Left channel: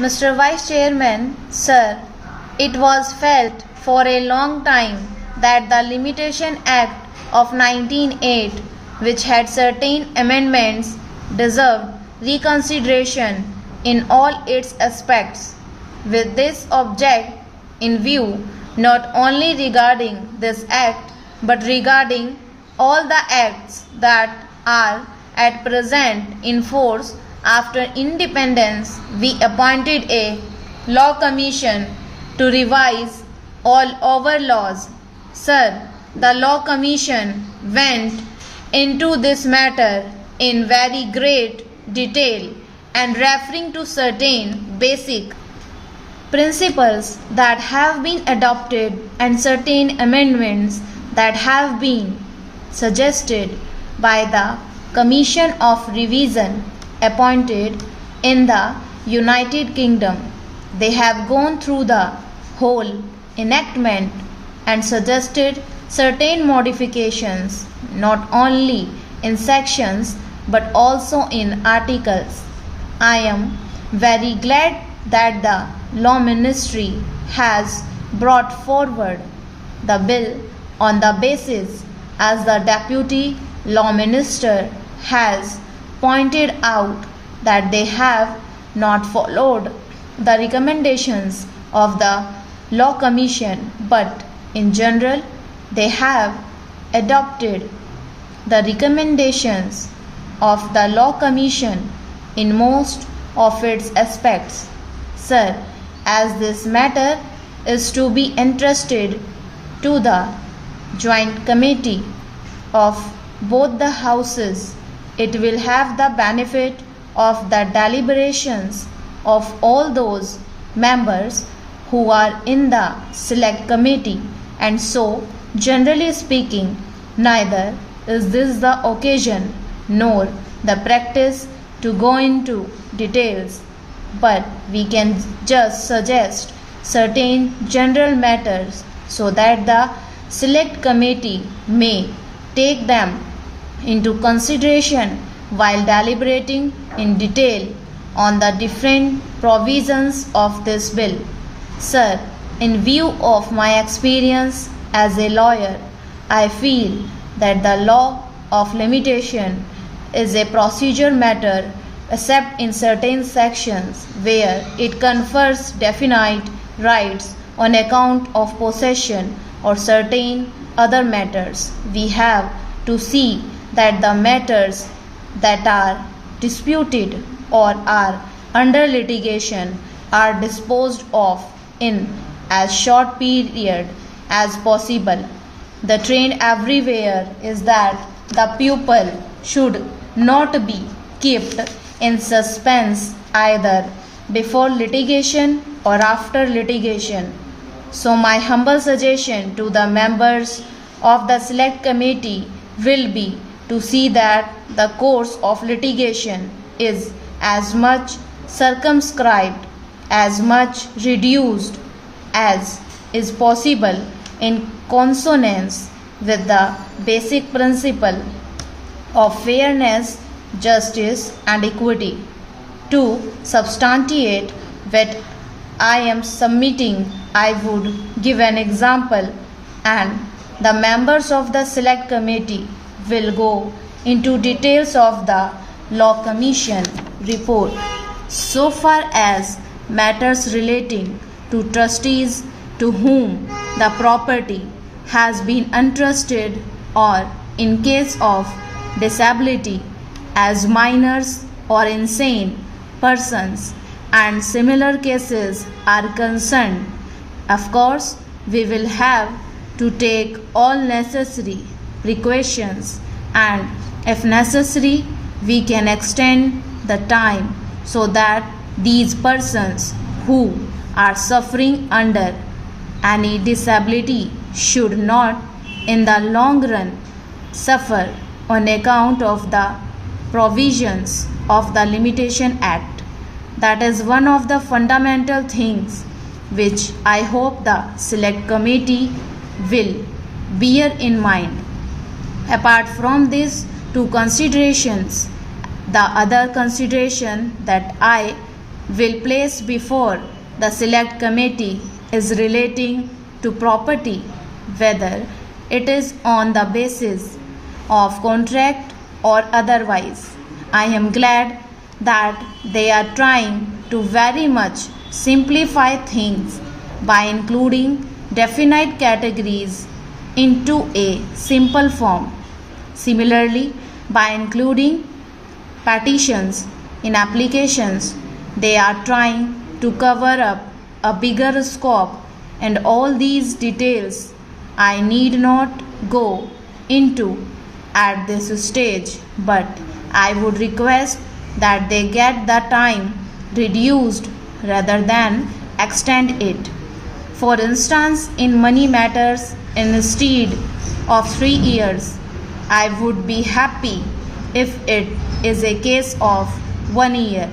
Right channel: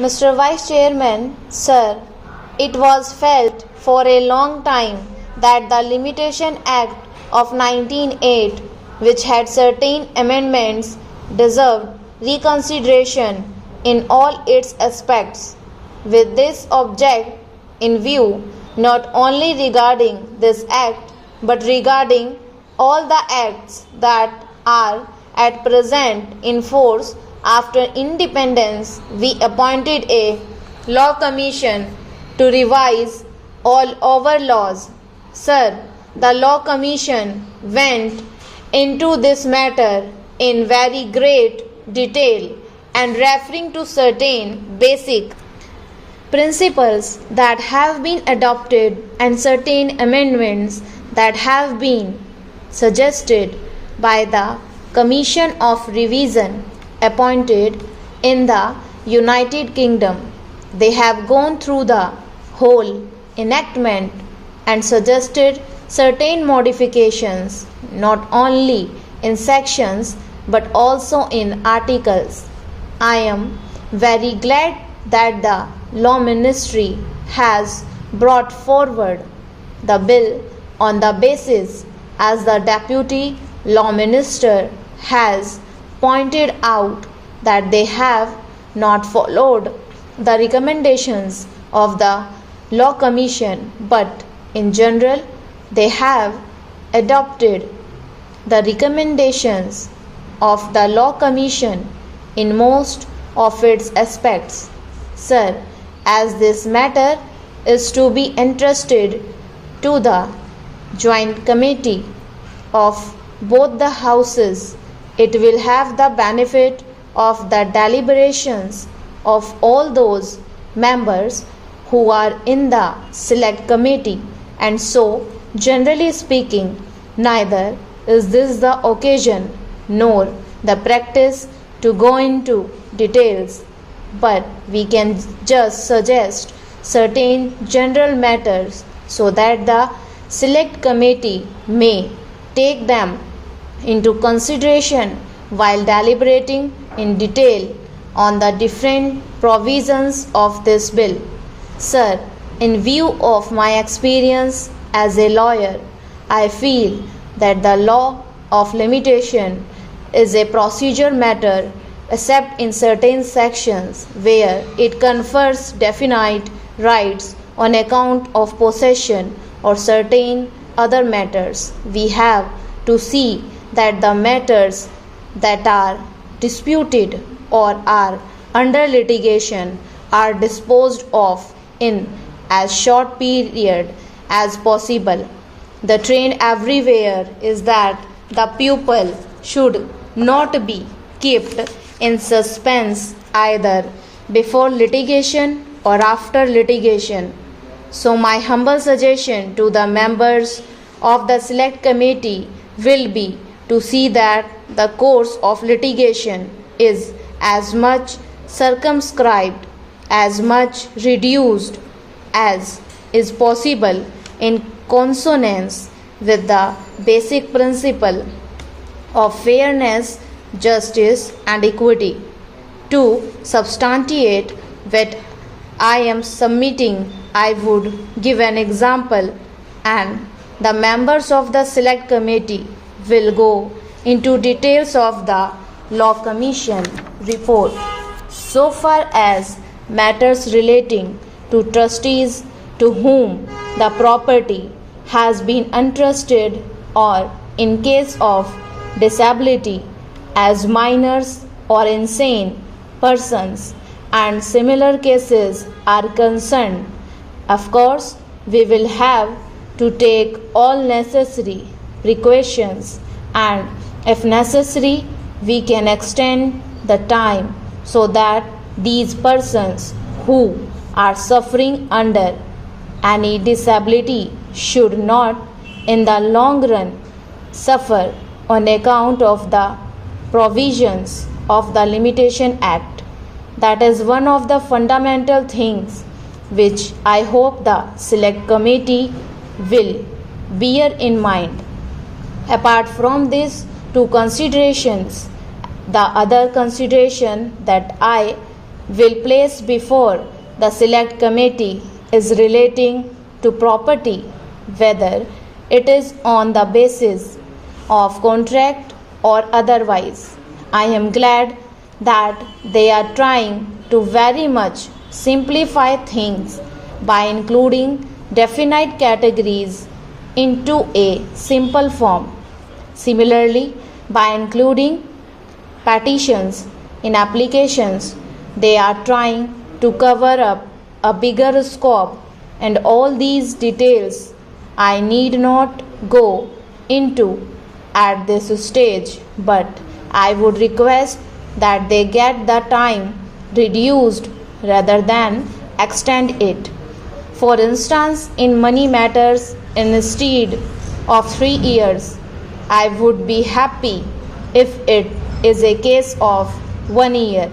Mr. Vice Chairman, sir, it was felt for a long time that the Limitation Act of 1908, which had certain amendments, deserved reconsideration in all its aspects. With this object in view, not only regarding this act, but regarding all the acts that are at present in force after independence, we appointed a law commission to revise all our laws. Sir, the law commission went into this matter in very great detail and referring to certain basic principles that have been adopted and certain amendments that have been suggested by the Commission of Revision appointed in the United Kingdom. They have gone through the whole enactment and suggested certain modifications not only in sections but also in articles. I am very glad that the Law Ministry has brought forward the bill on the basis, as the Deputy Law Minister has pointed out, that they have not followed the recommendations of the Law Commission, but in general they have adopted the recommendations of the Law Commission in most of its aspects. Sir, as this matter is to be entrusted to the joint committee of both the houses, it will have the benefit of the deliberations of all those members who are in the select committee, and so, generally speaking, neither is this the occasion nor the practice to go into details, but we can just suggest certain general matters so that the select committee may take them into consideration while deliberating in detail on the different provisions of this bill. Sir, in view of my experience as a lawyer, I feel that the law of limitation is a procedure matter except in certain sections where it confers definite rights on account of possession or certain other matters. We have to see that the matters that are disputed or are under litigation are disposed of in as short period as possible. The trend everywhere is that the pupil should not be kept in suspense either before litigation or after litigation. So my humble suggestion to the members of the select committee will be to see that the course of litigation is as much circumscribed, as much reduced as is possible in consonance with the basic principle of fairness, justice and equity. To substantiate what I am submitting, I would give an example, and the members of the select committee will go into details of the Law Commission report. So far as matters relating to trustees to whom the property has been entrusted, or in case of disability as minors or insane persons and similar cases are concerned, of course we will have to take all necessary precautions, and if necessary we can extend the time so that these persons who are suffering under any disability should not in the long run suffer on account of the provisions of the Limitation Act. That is one of the fundamental things which I hope the select committee will bear in mind. Apart from these two considerations, the other consideration that I will place before the select committee is relating to property, whether it is on the basis of contract or otherwise. I am glad that they are trying to very much simplify things by including definite categories into a simple form. Similarly, by including petitions in applications, they are trying to cover up a bigger scope, and all these details I need not go into at this stage, but I would request that they get the time reduced rather than extend it. For instance, in money matters, instead of 3 years, I would be happy if it is a case of 1 year.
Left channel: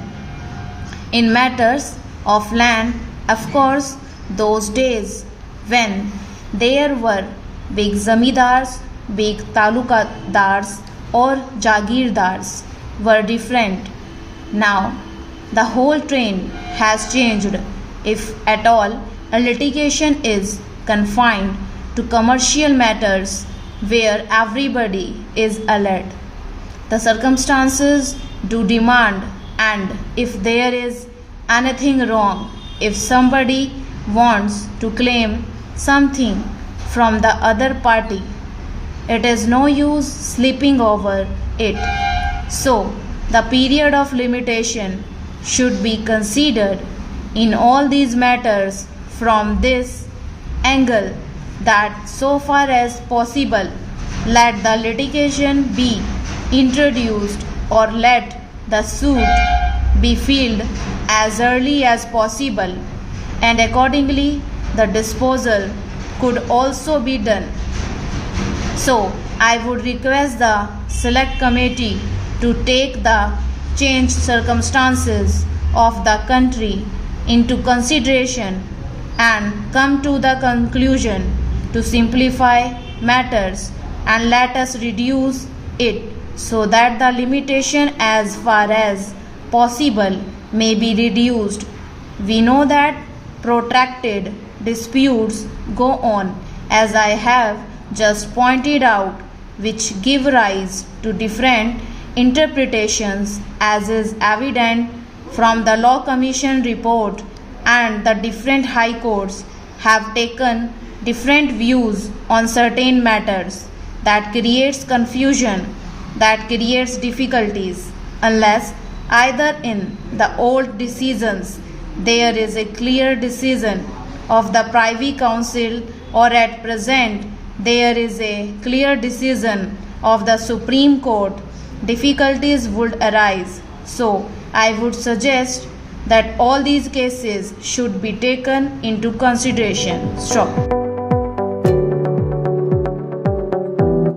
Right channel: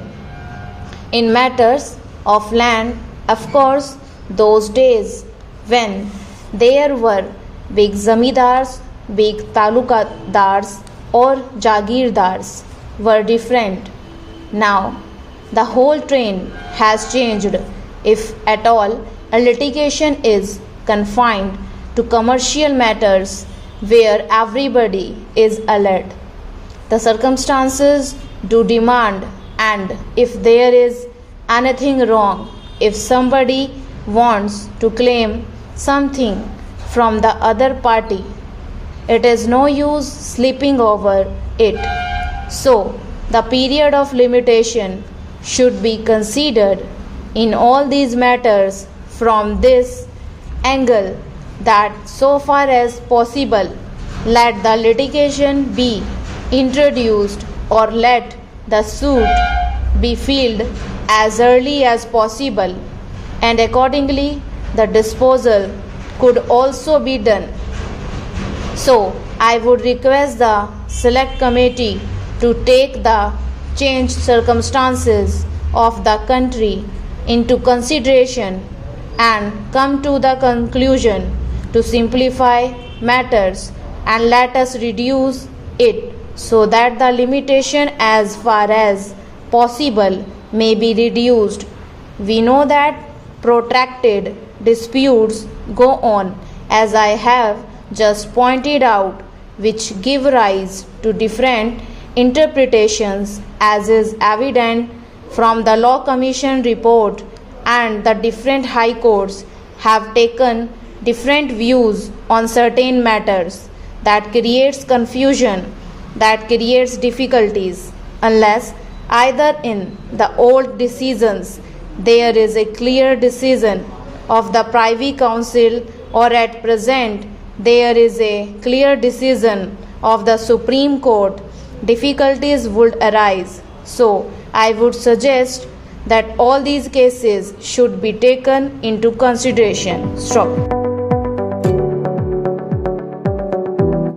In matters of land, of course, those days when there were big zamidars, big talukadars or jagirdars were different. Now the whole trend has changed. If at all, a litigation is confined to commercial matters where everybody is alert. The circumstances do demand, and if there is anything wrong, if somebody wants to claim something from the other party, it is no use sleeping over it. So, the period of limitation should be considered in all these matters from this angle, that so far as possible, let the litigation be introduced or let the suit be filed as early as possible, and accordingly the disposal could also be done. So, I would request the select committee to take the changed circumstances of the country into consideration and come to the conclusion to simplify matters, and let us reduce it so that the limitation as far as possible may be reduced. We know that protracted disputes go on, as I have just pointed out, which give rise to different interpretations, as is evident from the Law Commission report, and the different high courts have taken different views on certain matters. That creates confusion, that creates difficulties, unless either in the old decisions there is a clear decision of the Privy Council, or at present there is a clear decision of the Supreme Court, difficulties would arise. So, I would suggest that all these cases should be taken into consideration. Stop.